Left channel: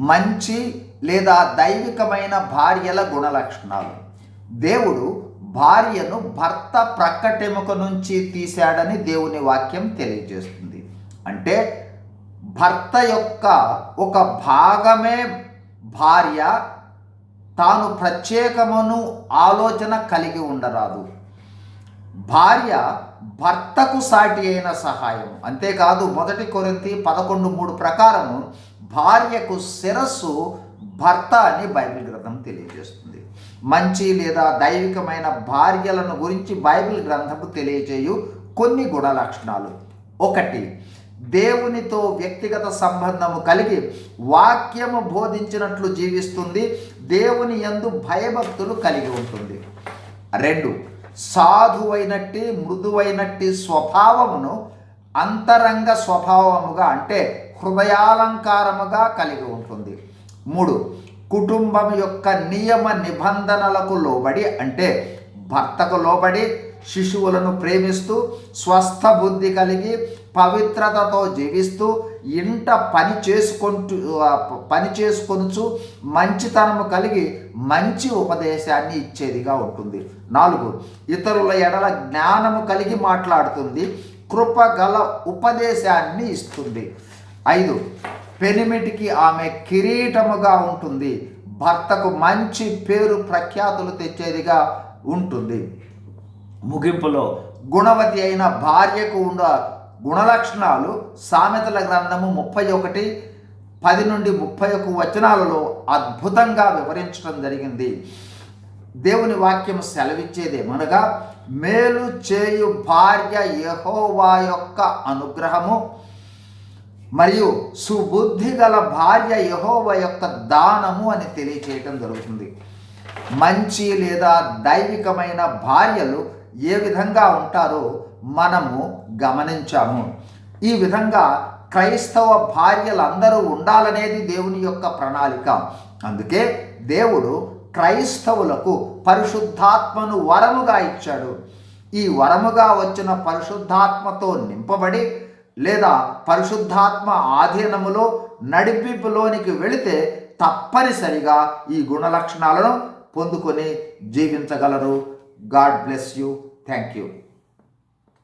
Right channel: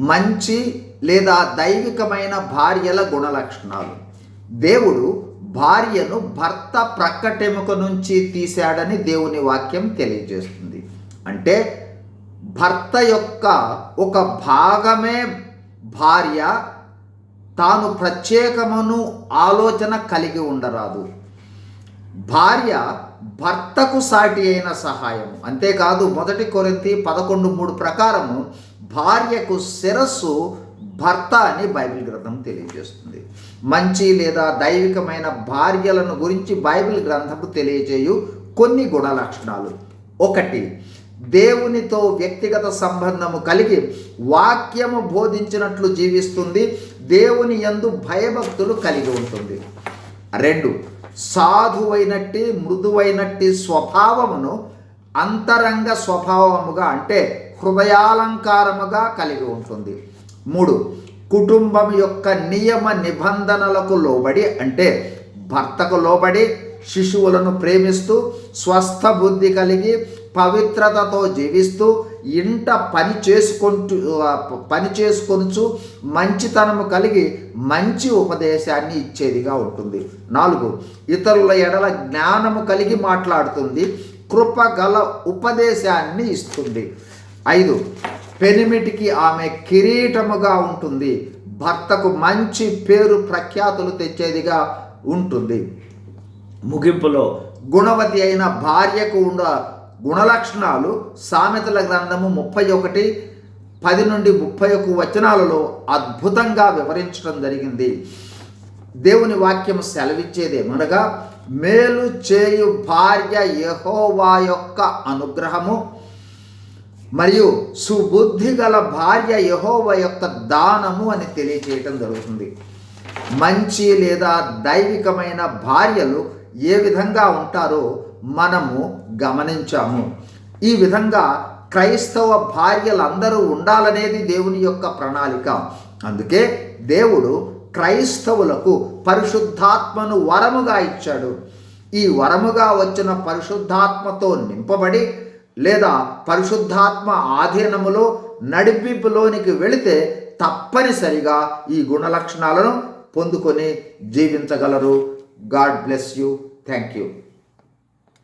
మంచి లేదా దైవికమైన భార్యల గుణలక్షణాలు. దేవుడు భార్యను భర్త ప్రక్కటెముక నుంచి తీశాడని దేవుని వాక్యం తెలియజేస్తుంది. అంటే భర్త యొక్క ఒక భాగమే భార్య తాను ప్రత్యేకమును ఆలోచన కలిగి ఉండరాదు. భార్య భర్తకు సాటి అయిన సహాయం అంతేకాదు మొదటి కొరింతి పదకొండు మూడు ప్రకారము భార్యకు శిరస్సు భర్త అని బైబిల్ గ్రంథం తెలియజేస్తుంది. మంచి లేదా దైవికమైన భార్యలను గురించి బైబిల్ గ్రంథము తెలియజేయు కొన్ని గుణ లక్షణాలు ఒకటి దేవునితో వ్యక్తిగత సంబంధము కలిగి వాక్యము బోధించినట్లు జీవిస్తుంది దేవుని యందు భయభక్తులు కలిగి ఉంటుంది. రెండు సాధువైనట్టి మృదువైనట్టి స్వభావమును అంతరంగ స్వభావముగా అంటే హృదయాలంకారముగా కలిగి ఉంటుంది. మూడు కుటుంబం యొక్క నియమ నిబంధనలకు లోబడి అంటే భర్తకు లోబడి శిశువులను ప్రేమిస్తూ స్వస్థ బుద్ధి కలిగి పవిత్రతతో జీవిస్తూ ఇంట పని చేసుకుంటూ పని చేసుకొనుచు మంచితనము కలిగి మంచి ఉపదేశాన్ని ఇచ్చేదిగా ఉంటుంది. నాలుగు ఇతరుల ఎడల జ్ఞానము కలిగి మాట్లాడుతుంది కృప గల ఉపదేశాన్ని ఇస్తుంది. ఐదు. పెనిమిటికి ఆమె కిరీటముగా ఉంటుంది. భర్తకు మంచి పేరు ప్రఖ్యాతులు తెచ్చేదిగా ఉంటుంది. ముగింపులో గుణవతి అయిన భార్యకు ఉన్న గుణలక్షణాలు సామెతల గ్రంథము ముప్పై ఒకటి పది నుండి ముప్పై ఒక వచనాలలో అద్భుతంగా వివరించడం జరిగింది. దేవుని వాక్యం సెలవిచ్చేదేమనగా మేలు చేయు భార్య యహోవా యొక్క అనుగ్రహము మరియు సుబుద్ధి గల భార్య యహోవ యొక్క దానము అని తెలియచేయటం జరుగుతుంది. మంచి లేదా దైవికమైన భార్యలు ఏ విధంగా ఉంటారో మనము గమనించాము. ఈ విధంగా క్రైస్తవ భార్యలందరూ ఉండాలనేది దేవుని యొక్క ప్రణాళిక. అందుకే దేవుడు క్రైస్తవులకు పరిశుద్ధాత్మను వరముగా ఇచ్చాడు. ఈ వరముగా వచ్చిన పరిశుద్ధాత్మతో నింపబడి లేదా పరిశుద్ధాత్మ ఆధీనములో నడిపింపులోనికి వెళితే తప్పనిసరిగా ఈ గుణలక్షణాలను పొందుకొని జీవించగలరు. God bless you. Thank you